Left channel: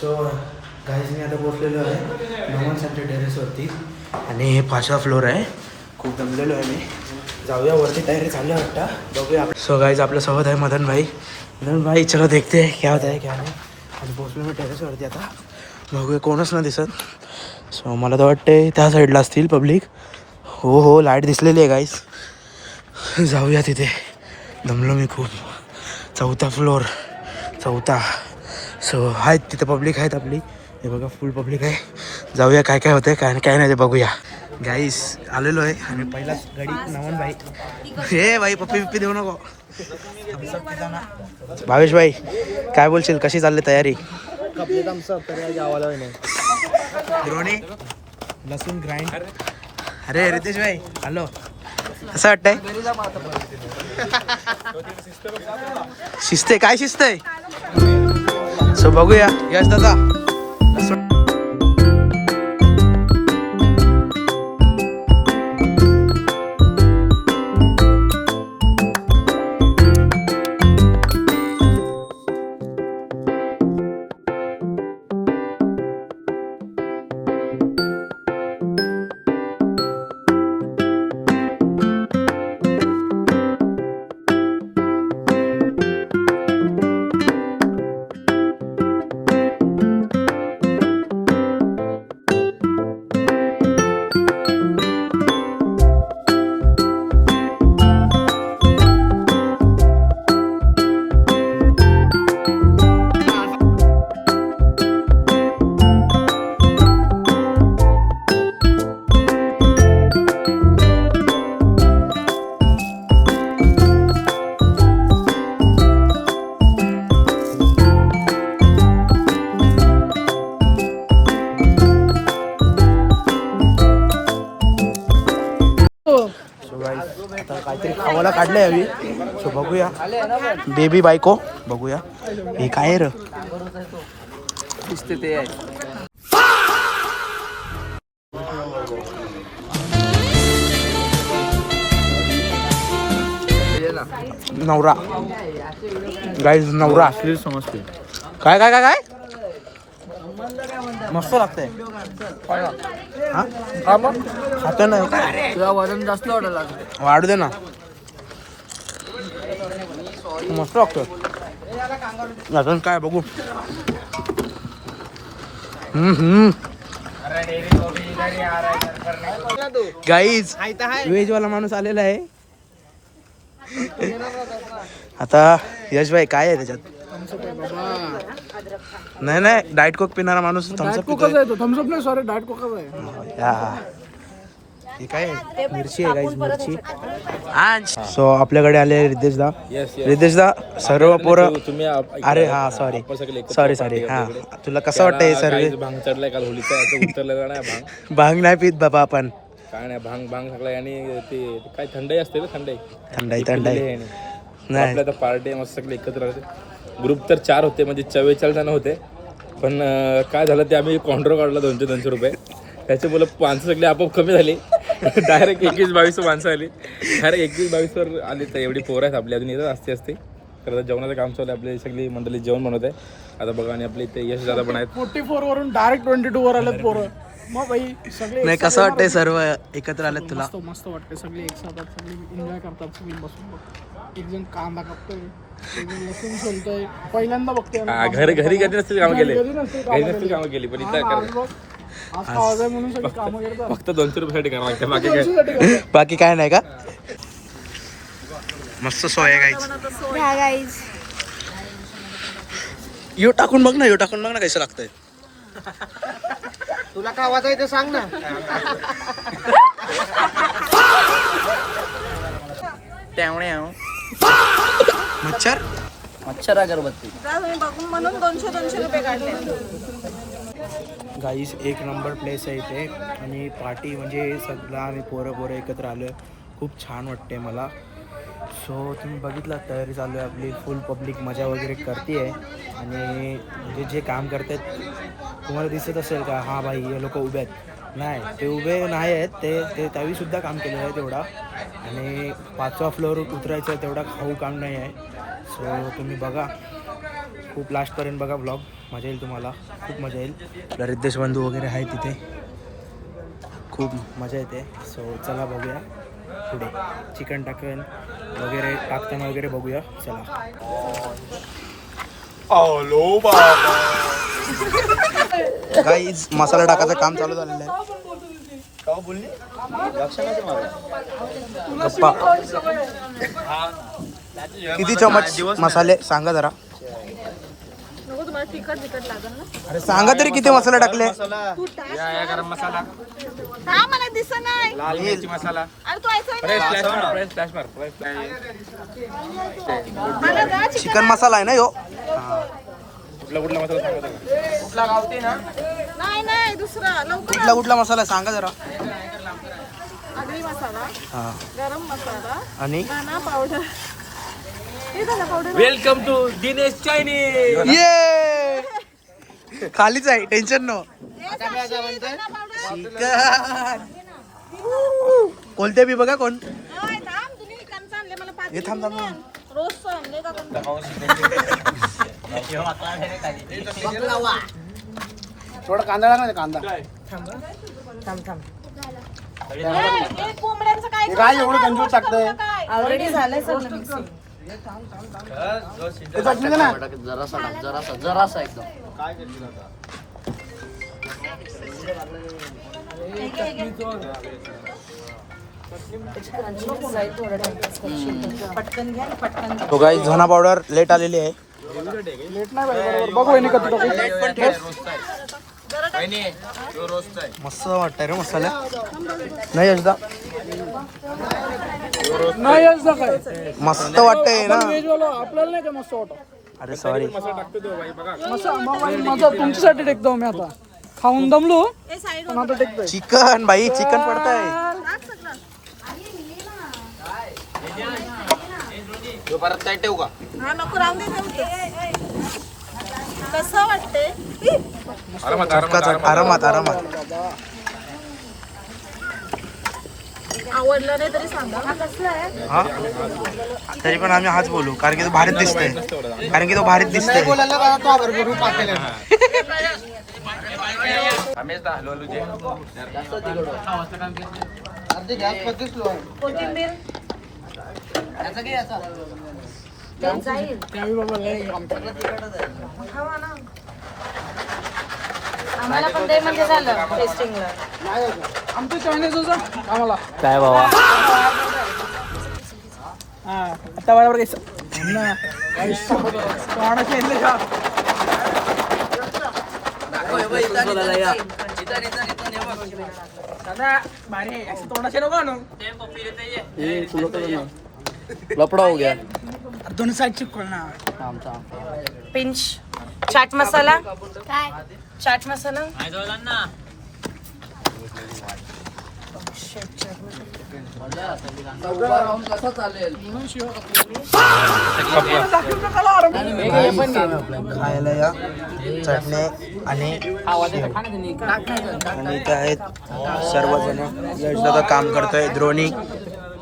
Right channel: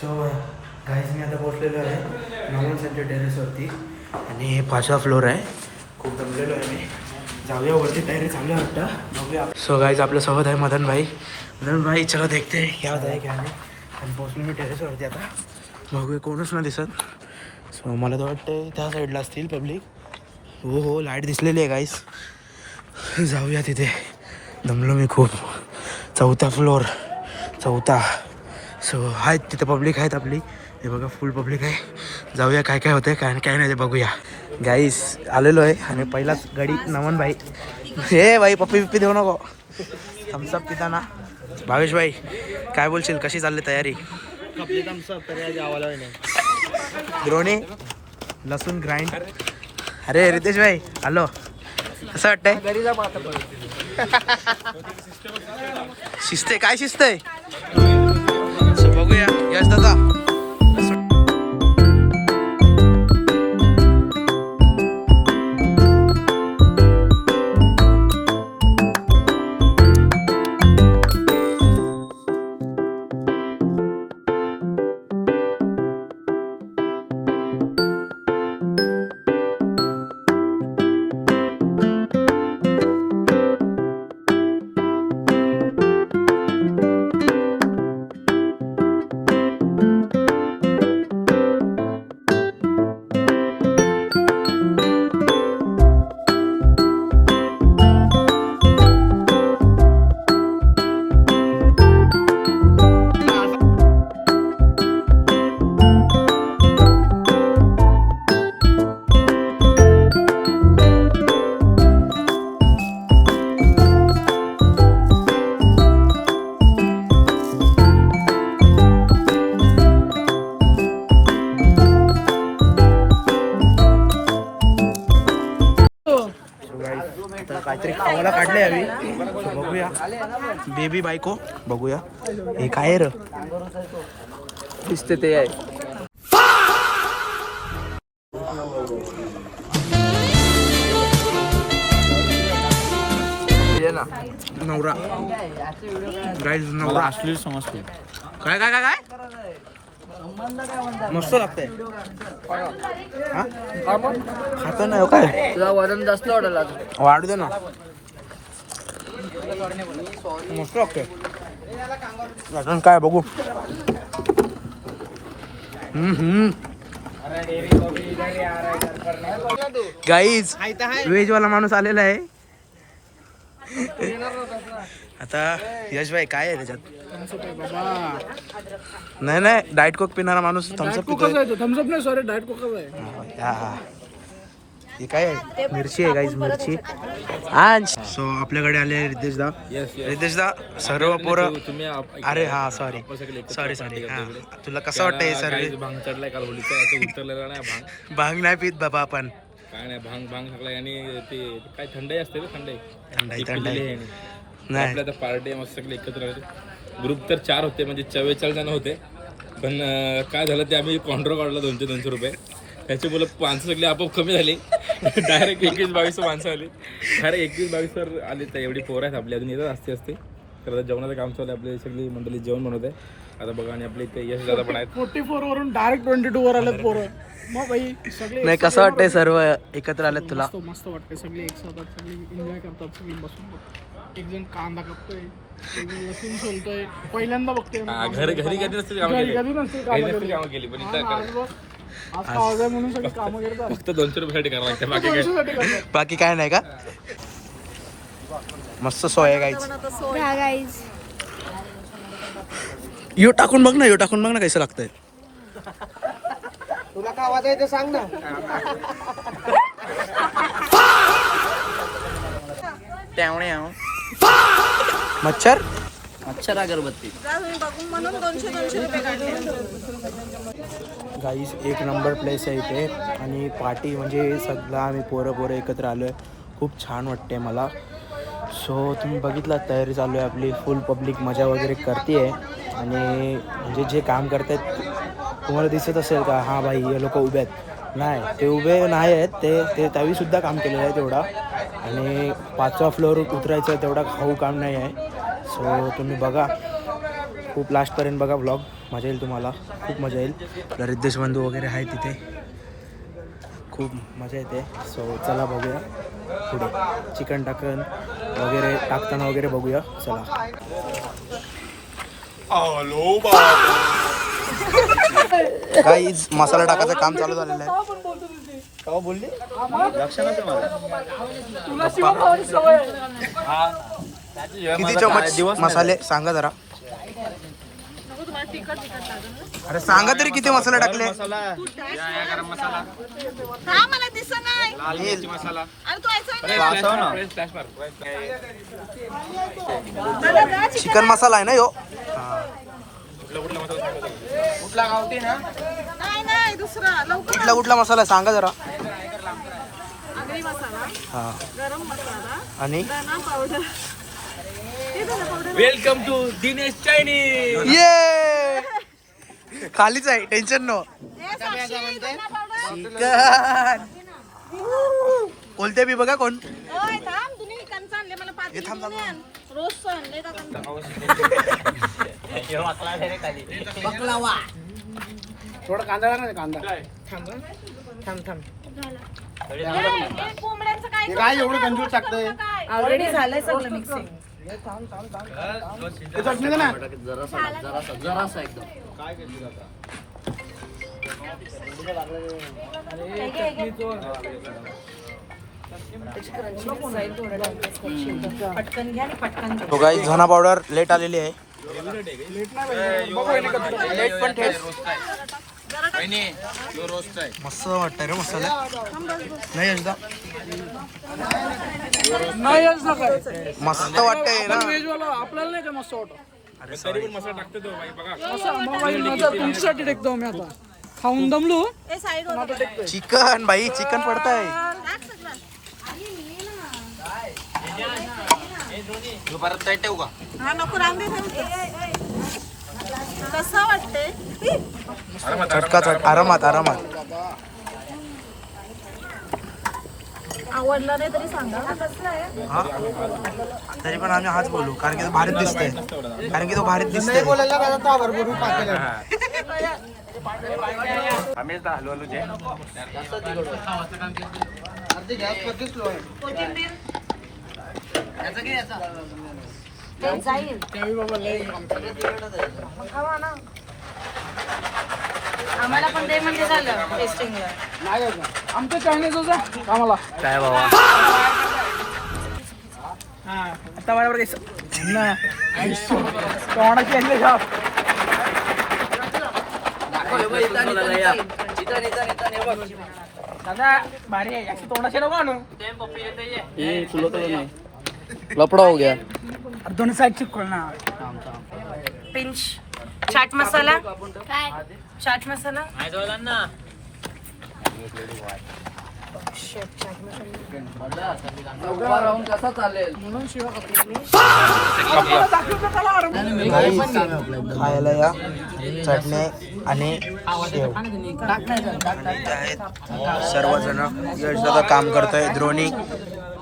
So guys मी आता पोचलेलो आहे नमन centre टेरेसवरती आणि हे 5वा फ्लोअर आहे. खूप दमलेलो आहे मी. जाऊया वरती, तयारी चालू आहे वाटतं, बघूया. सो गाईज आपल्यासोबत आहे मदन भाई चलो देखते है क्या होता है क्या नाही. आणि पोचलो मी टेरेसवरती आता, बघूया कोणच ना दिसत. सो मला तर वाटते त्या साईडला असतील पब्लिक. हो लाईट दिसलेली आहे गाईज. जाऊया तिथे, दमलो मी खूप. 4था फ्लोअर. सो आहेत तिथं पब्लिक आहेत आपली, हे बघा फुल पब्लिक आहे. जाऊया काय काय होतं काय नाही ते बघूया. गाईस आलेलो आहे आणि पहिलाच गाडी नमन भाई. हे भाई पप्पी देऊ नको, थम्सअप पिताना. भावेश भाई काय बोलशील, कशी चालली तयारी? द्रोणी लसूण ग्राइंड. अरे रितेश भाई हॅलो, कसं वाटतंय? शिस्त काय शिस्त आहे? सो बघूया यश दादा. आता काहीतरी खावायला काढलंय हवी. सो बघूया बेबी बायको, बघूया हे काय र दिसते ते आहे. नवरा गाईज, नवरा असली समजते. काय काय काय काय मस्त लागतंय. खातो नाही काय, तुला वजन जास्त वाढायला वाढू दे ना. मस्त लागतं. अजून काय बघू. गाईज व्हेज वाला माणूस आलेला आहे. आता यश भाई काय आहे त्याच्यात? नाही डाएट कोक पिणारा माणूस थम्सअप पितोय. थम्सअप नाही, सॉरी डाएट कोकच आहे. हे काय आहे? मिरची आहे गाईज, मिरची. सो आपल्याकडे आले रितेशदा सर्व पोरं. अरे हा सॉरी हा. तुला कसं वाटतं हे सर्व? भांग चढलाय काल होलीचा, उतरलेला नाही भांग नाही पित बाबा आपण. काय नाही, भांग सगळं. आणि ते काय थंडाई असते, थंडाई नाही. आपल्या आता पार्टी मस्त सगळे एकत्र राहते. ग्रुप तर 4 होते, म्हणजे 44 जण होते. पण काय झालं ते आम्ही काउंटर काढला 200 रुपये. त्याचे बोल माणसं सगळे आपोआप कमी झाली. डायरेक्ट 21-22 माणसं आली. डायरेक्ट 21-22 आली. तर एवढी पोरं आहेत आपल्या, अजून येतात असते. तर आता जेवणाचं काम चालू आहे. आपली सगळी मंडळी जेवण बनवत आहे आता बघा. आणि आपले इथे यश दादा पण आहेत. 44 वरून डायरेक्ट 22 वर आलेत पोरं. मग भाई सगळे नाही कसं वाटतंय सर्व एकत्र आलेत तुला? मस्त वाटतंय. सगळे एक साथ सगळे एन्जॉय करतात. सगळे बसून एक जण कांदा कापतोय, एक जण लसूण सोलतोय. पहिल्यांदा बघतोय घरी कधी नसतील कामं केली पण इथं आज आवाज आहे म्हणून सगळी कामं करतात. फक्त 200 रुपयासाठी करावं लागतं, बाकी काय नाही का? मस्त सोय आहे गाईज. यो टाकून बघ ना कसं लागतंय. तुला काय आवाज आहे ते सांग ना. मच्छर अगरबत्ती गाईस एक नंबर प्लेस आहे इथे. आणि पार्टी म्हणजे सगळं आम्ही पोरं एकत्र आलो आहे. खूप छान वाटते मला. सो तुम्ही बघितलं तयारी चालू आहे आपली. फुल पब्लिक मजा वगैरे करते आहे. आणि म्हणजे जे काम करत आहेत तुम्हाला दिसत असेल का, हां भाई हे लोक उभे आहेत. नाही, ते उभे नाही आहेत. ते त्यावेळीसुद्धा काम केलेलं आहे तेवढा. आणि 5वा फ्लोअर उतरायचं आहे तेवढा खाऊ काम नाही आहे. सो तुम्ही बघा खूप लास्टपर्यंत बघा व्लॉग, मजा येईल तुम्हाला, खूप मजा येईल. आपला रिद्धेश बंधू वगैरे आहे तिथे, खूप मजा येते. सो चला बघूया पुढे चिकन वगैरे टाकताना वगैरे बघूया. चला. गाईज मसाला टाकायचं काम चालू झालेलं आहे. गप्पा. किती चमच मसाले सांगा जरा. अरे सांगा तरी किती मसाले टाकले. चिकन मसाला आहे ना यो. कुठला कुठला मसाला सांगा जरा. आगरी मसाला, हा गरम मसाला आणि धना powder. Welcome to Dinesh Chinese. ये खालीच आहे, टेन्शन नो. चिकन कोणते बी बघा कोण. हे थांब थांब. थोडा कांदा टाका ना, कांदा. थांब थांब. काय एवढं कंजूस टाकतंय. ऑलरेडी झालंय सगळं मिक्सिंग. ते चटणी दे ना. जरासा एकदम. त्याची क्रंचीनेस जाईल थोडं टाइम. पटकन घ्या आणि पटकन जा. तो गाईस धना पावडर लेट आलेली आहे. लेट नाही पाहिजे. बघू यांनी कधी टाकू. लेट पण ठेव. मस्त वाटतंय रे मसाला. नाही यशदा नाही असं काय. मस्त वाटतंय ना. व्हेजवाला आपल्याला नाही का मस्त वाटत. अरे सॉरी. मसा तुमच्यासाठी टेकतो मी आता. खाऊन दमलो. आता टेकतोय. चिकन बाई, चिकन पडतंय. हा नको राहून दे. कसं वाटते. चटका चट. आरामात आरामात. आवडलं नाही तरी सांगा. हा तरी पण आम्ही हाच बोलू, कारण की तो भारीत दिसतंय. कारण की तो भारीत दिसतंय. जाईल. खावा ना. आम्हाला पण ते म्हणजे झालं टेस्टिंगला. आमचं चायनीज होतं आम्हाला. काय बाबा. हा आता बरोबर ना. कोणाची आणली का. भारी आहे. असं तोंडाचे नको आणू. लपडा हो गया. दोन्ही साईड चिपकल ना. पिंच चाट मसाला. काय चाट मसाला. म्हणून शिवाय खायला या चटणी आणि शेव. आणि इथे आहेत सर्वजण. यश दादा काम करतोय. द्रोणी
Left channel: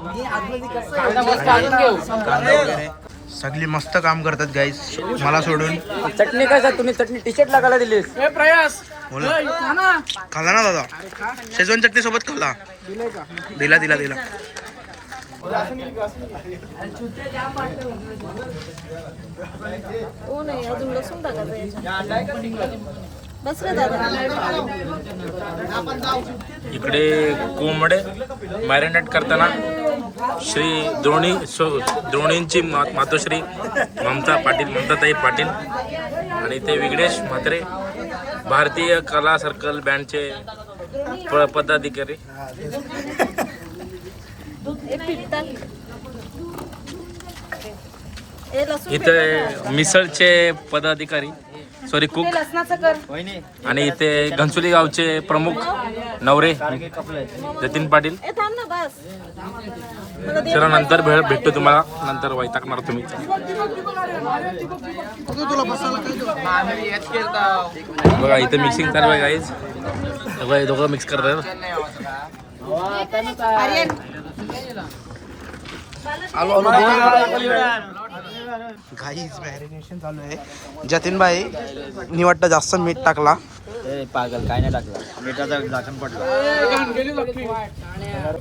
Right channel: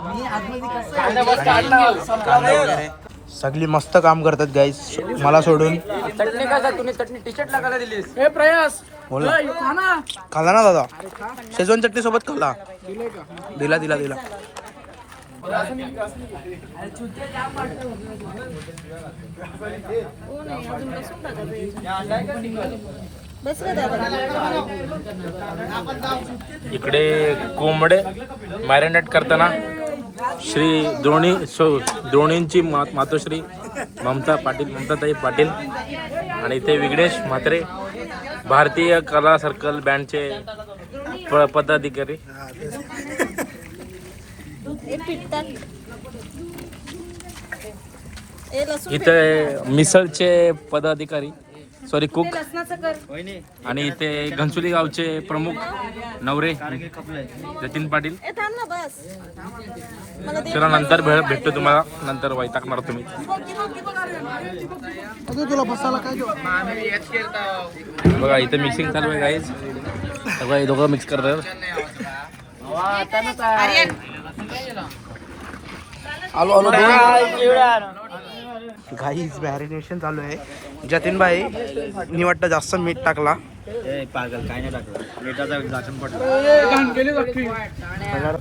आणि कांदा वगैरे सगळी मस्त काम करतात गाईस, मला सोडून. चटणी कसा तुम्ही चटणी टी शर्ट लागायला दिलीस. ए प्रयास बोला. खा ना. खाल्ला ना दादा. अरे खा. शेजवान चटणी सोबत खाल्ला. दिलंय का. दिला. ओ नाही अजून लसूण टाकायचं याच्यात. बस रे दादा. इकडे कोंबडे मॅरिनेट करताना श्री द्रोणींची मातोश्री ममताताई पाटील आणि इथे विघ्नेश म्हात्रे, भारतीय कला सर्कल बँडचे पदाधिकारी. इथे मिसळचे पदाधिकारी कुक. आणि इथे घनसोली गावचे प्रमुख नवरे जतीन पाटील. चला नंतर भेटतो तुम्हाला. नंतर वैतागणार तुम्ही. बघा इथे मिक्सिंग चालू आहे गाईज. बघा दोघं मिक्स करतात. गाईज मॅरिनेशन चालू आहे. जतीन भाई मी वाटतं जास्त मीठ टाकला. पागल काय नाही टाकलं मिठाचा झाकण पडला.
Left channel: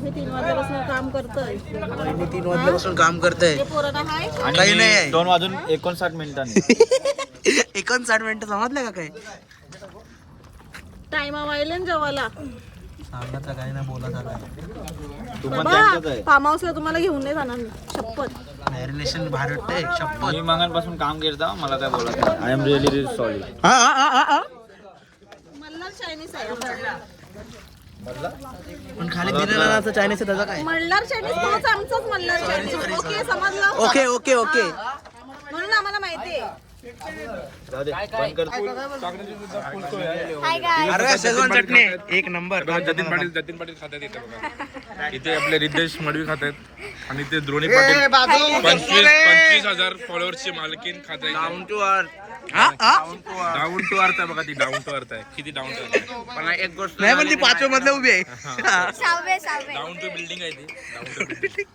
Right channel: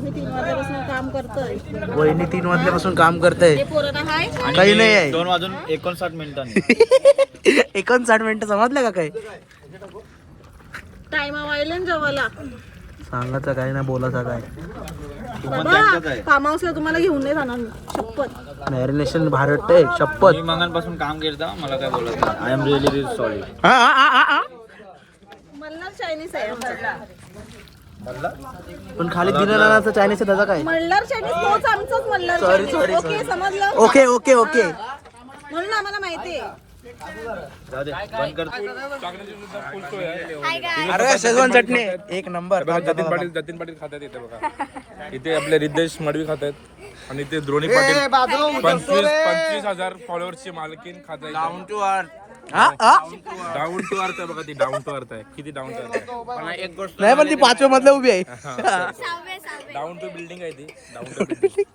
मी 3 वाजल्यापासून काम करतोय. वहिनी 3 वाजल्यापासून काम करते. हे पोरं हाय काही नाही आहे. 2 वाजून 59 मिनिटांनी 59 मिनिटं समजलं का काय? टाइमा वायलेन जेवायला. सांगायचं काय ना बोलायचं काय. फार्म हाऊसला तुम्हाला घेऊन नाही जाणार मी. शपथ. मॅरिनेशन भारत आहे शपथ. मी मागांपासून काम करता मला काय बोलत नाही. I am really sorry. Malhar Chinese आहे आमचा. पण खाली दिलेला चायनीज त्याचा काय? मल्हार चायनीज तोच आमचाच मल्हार चायनीज. ओके समजलं. Okay okay okay. म्हणून आम्हाला माहिती आहे. जाऊ दे बंद कर. अरे शेजवान चटणी एक नंबर. जतीन पाटील खातात इथे बघा. इथे आपले रिद्धेश मडवी खात आहेत आणि इथे द्रोणी पाटील 25,000 फॉलोअर्सची मालकीन खात आहे. डाऊन टू अर्थ आहे बघा. ती डाऊन टू अर्थ आहे. किती डाऊन टू अर्थ आहे. एक गोष्ट नाही पण ती 5व्या मधल्या उभी आहे. डाऊन टू बिल्डिंग आहे ती. Down to building.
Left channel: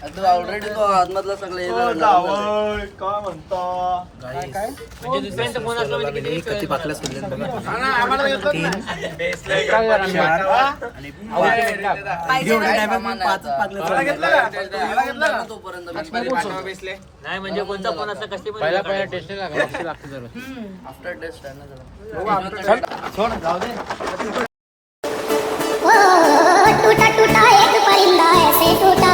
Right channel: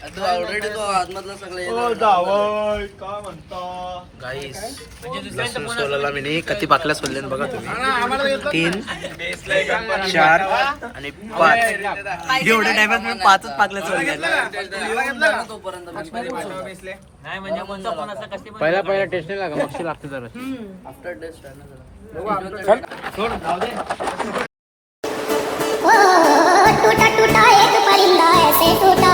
आणि ते ऑलरेडी तो आतमधला सगळे किती पाकल्या सोडल्या बघा तुम्ही. 3 4 आणि 5 एवढ्या टायमात म्हणून 5च पाकल्या सोडल्या. नाही म्हणजे कोणता पण असं कशी पण पहिला टेस्टिंग लागते जरा. आफ्टर टेस्ट आहे ना. टूटा टूटा एक परिंदा ऐसे टूटा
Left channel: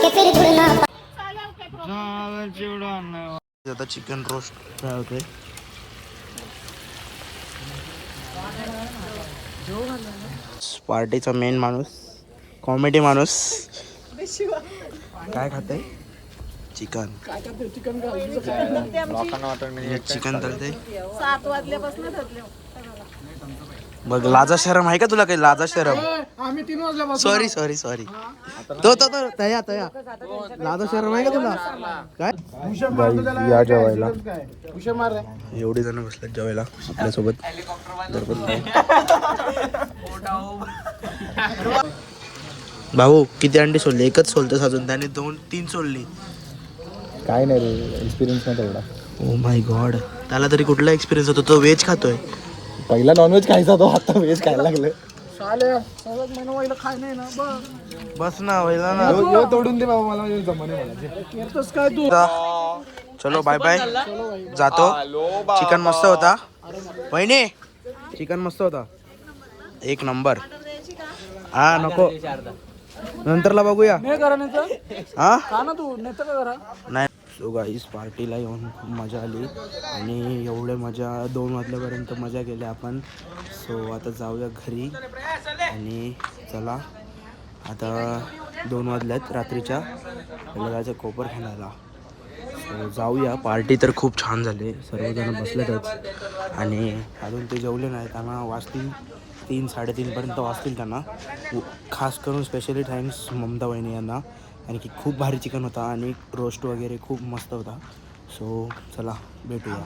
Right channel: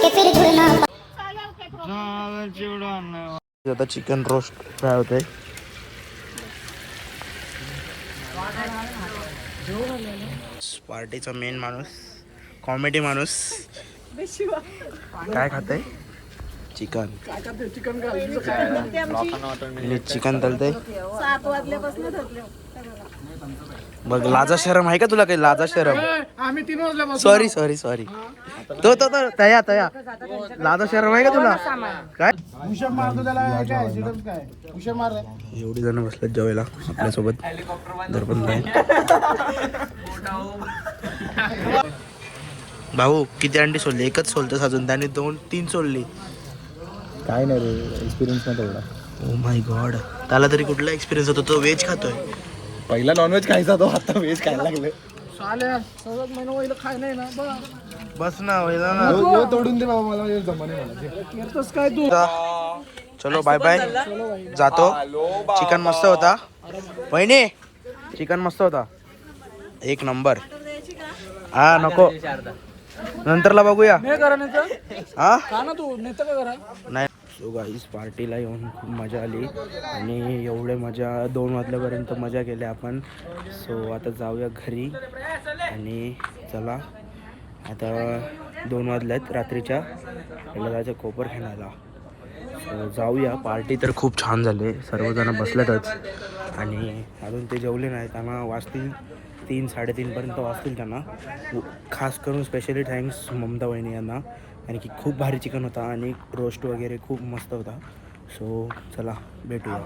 कि फिर जुड़ना. आता चिकन रोस्ट फ्राय होते. पार्टीचा मेन माणूस, कॉमेडी माणूस काय खाते? चिकन. चिकन तलते 7 वाजल्यापासून धरले. बघ. लाजा शरम आहे का तुला काही? लाजा शरम. आम्ही 3 वाजल्यापासून. सॉरी तो तया लाजा शरम आहे का तुला काय? या जेवायला एवढी जण बसलेत जेवायला माझ्यासोबत. भाऊ किती अंडी सोडली? एकच सोलतोस अजून. त्याने 2-3 सोडली. काय नाही रे एक्सपिरियन्स नाही तेवढा. Oh my God. त्याला तरी कुठला एक्सपिरियन्स होतो? तो व्हेज खातोय. पहिला नॉनव्हेज खायचा तो आता व्हेज खायला लागलं. चालेल. सगळ्यात महिना पहिलं खाय नाही ना. बस ना व्हायला ना. तोडून दे बाबा मला जमाने मला. करतोस काय तू? चलो बाय बाय. जातो. चिकन मस्त होता वहिनी. चिकन मस्त होता. एक नंबर. हा नको नंतरला बघूया. नाही करा नाही तर. हा का ना तू नेतं का करा. नाही. सो गाईस पार्टीला येऊन खूप मजा आली आणि एवढे मजा 2 वाजल्यापर्यंत मजा केली आपण. सो आता जाऊया घरी आणि चला आता 2 वाजल्यात रात्रीच्या. याला जायचं कोपरखान्याला. सो जाऊया. पार्टी तर खूप छान झाली. सर्वजण बसलेतच आणि अजून ते जेवले नाही. त्यांना वाजतील 3-3:30पर्यंत वाजतील त्यांना. खास करून स्पेशली थँक्स ममता वहिनी यांना. आणि की खूप भारी चिकन होता आणि रोस्ट वगैरे खूप मस्त होता. सो चला भेटूया.